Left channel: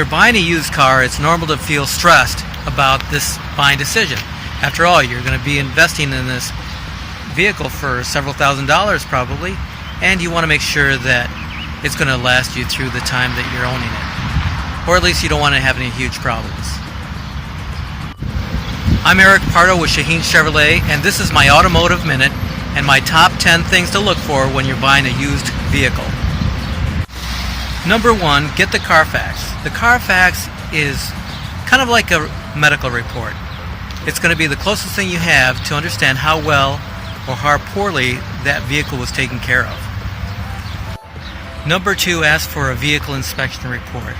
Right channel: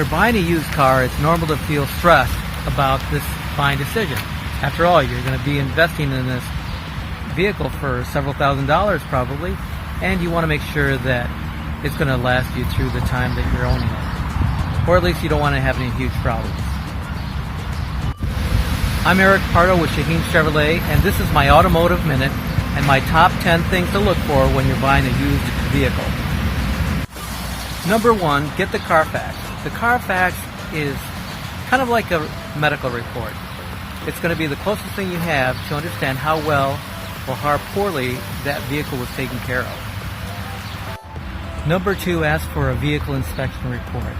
you're buying a used car, it's normal to feel stressed about this buying decision. After all, you're going to be investing in this vehicle for several $1,000s probably, and you want to make sure that it's going to last you through the time that you're owning it. Or at least you don't want to have any huge problems. I'm Eric Pardo with Shaheen Chevrolet, and this is my Automotive Minute and my top 10 things to look for when you're buying a used vehicle. Number 1, get the Carfax. The Carfax is kind of like a medical report. It's going to be the closest thing you have to understand how well or how poorly that vehicle was taken care of. Number 2, ask for a vehicle inspection report.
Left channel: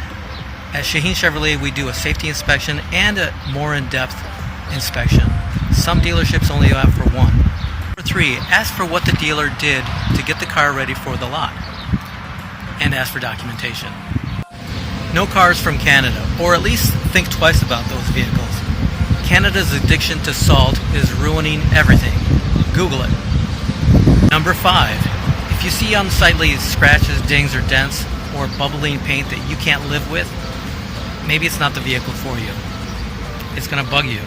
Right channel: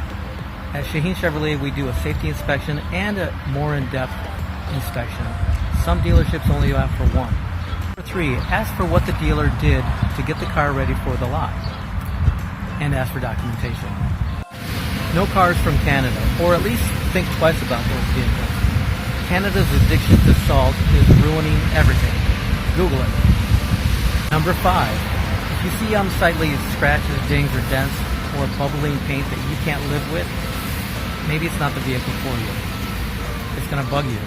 At Shaheen Chevrolet, we do a safety inspection and a more in-depth inspection. Some dealerships only ask for one. Number 3, ask for what the dealer did to get the car ready for the lot, and ask for documentation. No cars from Canada, or at least think twice about those vehicles. Canada's addiction to salt is ruining everything. Google it. Number 5, if you see unsightly scratches, dings, or dents, or bubbling paint that you can't live with, maybe it's not the vehicle for you. It's going to bug you.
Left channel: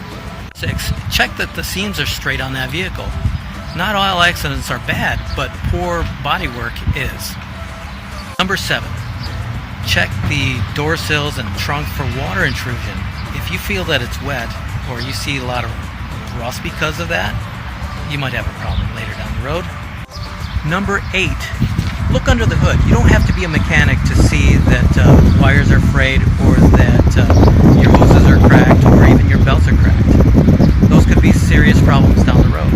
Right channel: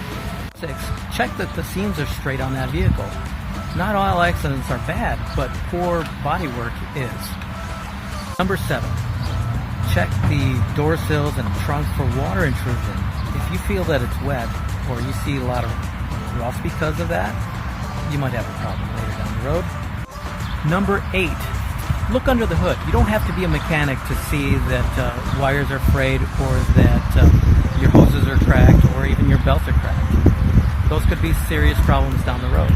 6, check that the seams are straight on that vehicle. Not all accidents are bad, but poor bodywork is. Number 7, check the door sills and trunk for water intrusion. If you feel that it's wet, or you see a lot of rust because of that, you might have a problem later down the road. Number 8, look under the hood. You don't have to be a mechanic to see that wires are frayed, or that your hoses are cracked, or even your belts are cracked. Those could be serious problems down the road.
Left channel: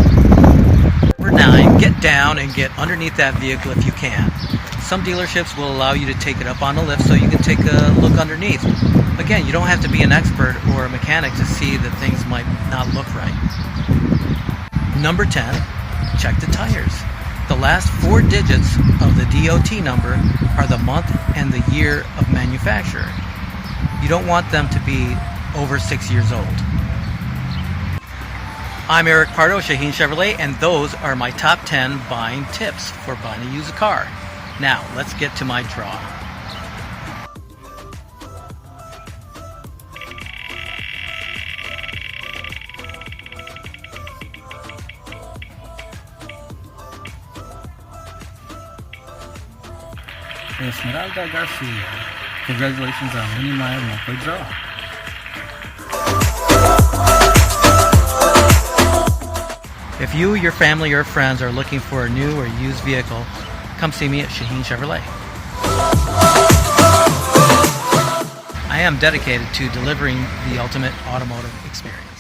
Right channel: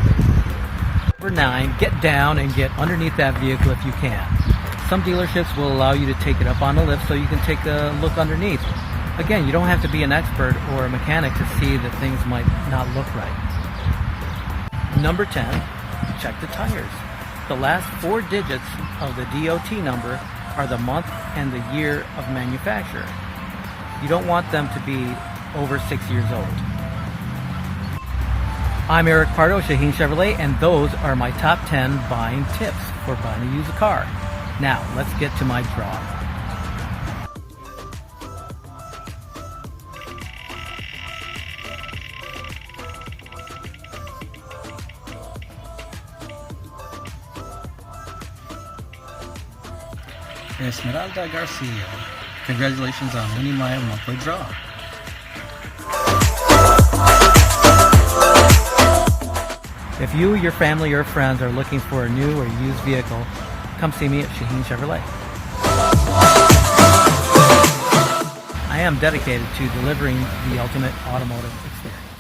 Number 9, get down and get underneath that vehicle if you can. Some dealerships will allow you to take it up on a lift so you can take a look underneath. Again, you don't have to be an expert or a mechanic to see that things might not look right. Number 10, check the tires. The last 4 digits of the DOT number are the month and the year of manufacture. You don't want them to be over 6 years old. I'm Eric Pardo, Shaheen Chevrolet, and those are my top 10 buying tips for buying a used car. Now, let's get to my draw. Esmeralda Garcia. Congratulations on winning my monthly draw. If you, your family, or friends are looking for a new or used vehicle, come see me at Shaheen Chevrolet. I am dedicated to delivering the ultimate automotive experience.